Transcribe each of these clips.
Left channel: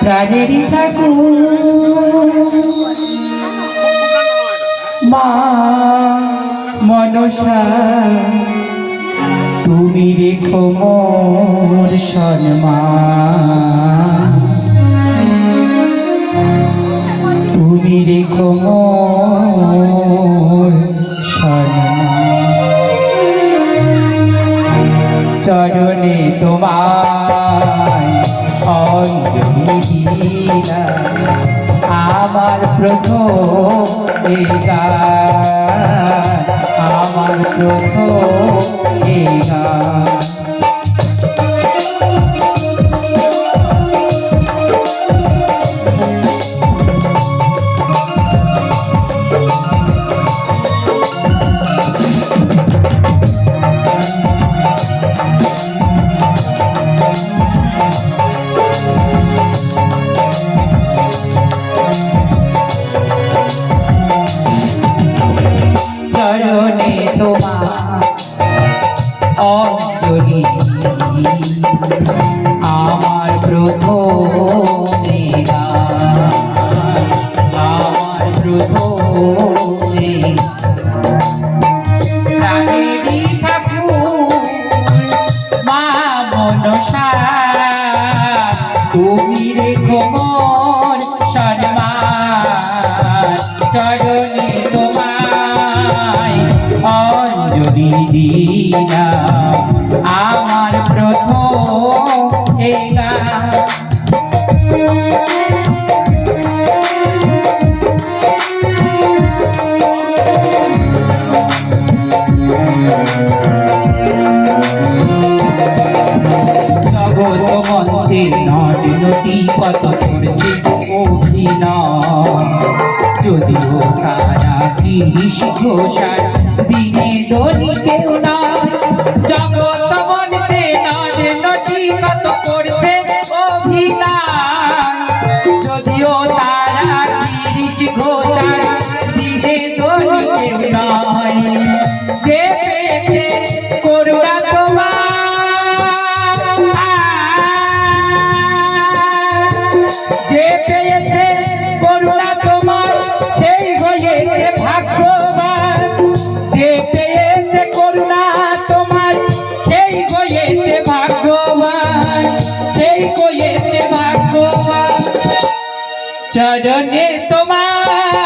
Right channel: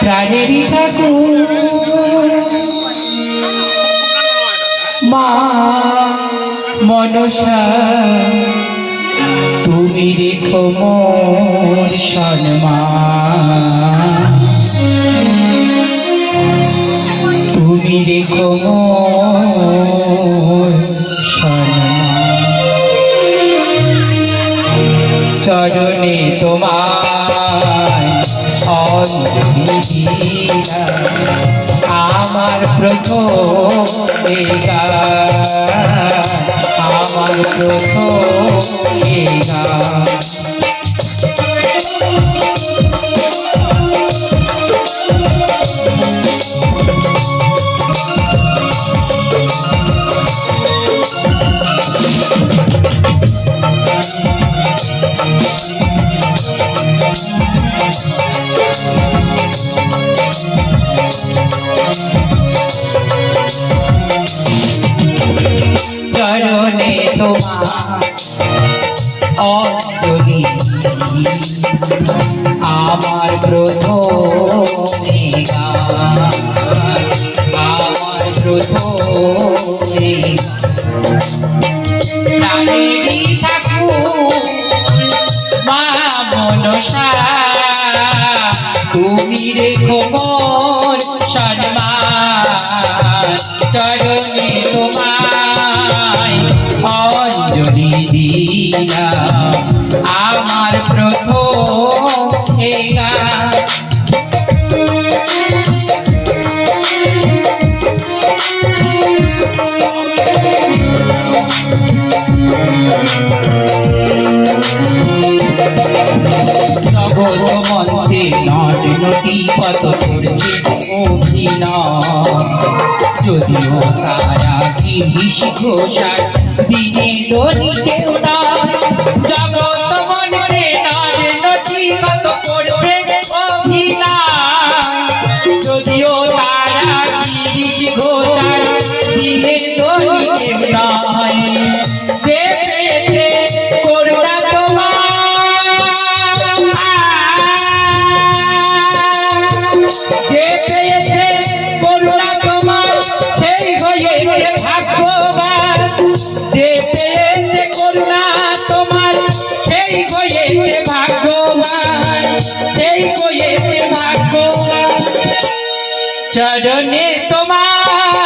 প্রাণেরই মা মনসা তুমি রেখো মোর সম্মান। চরণে তোমায় আমার প্রথম আমার প্রথম অন্তরি আমার প্রথমে আমার প্রথমে যদিও তারা কি ঘোষার দিনে দলিকে ચરણે તમારા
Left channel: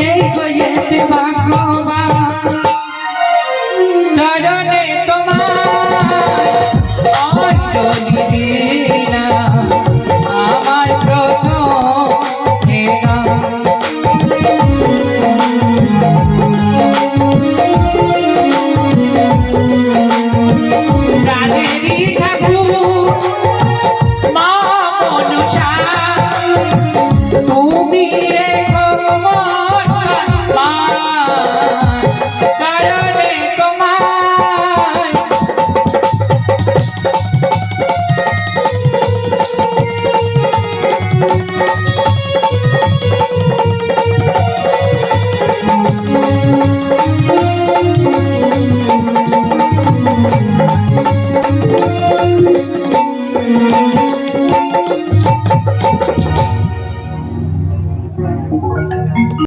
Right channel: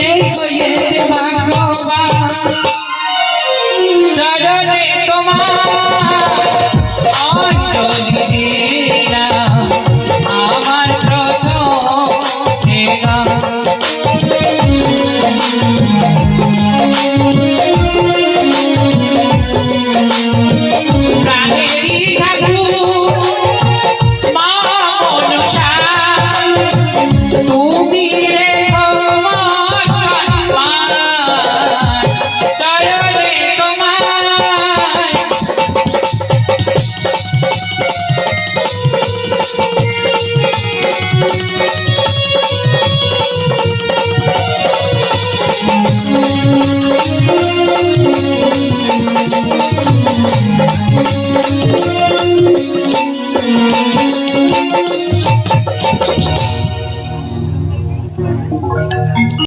সে তো এতে বাবা।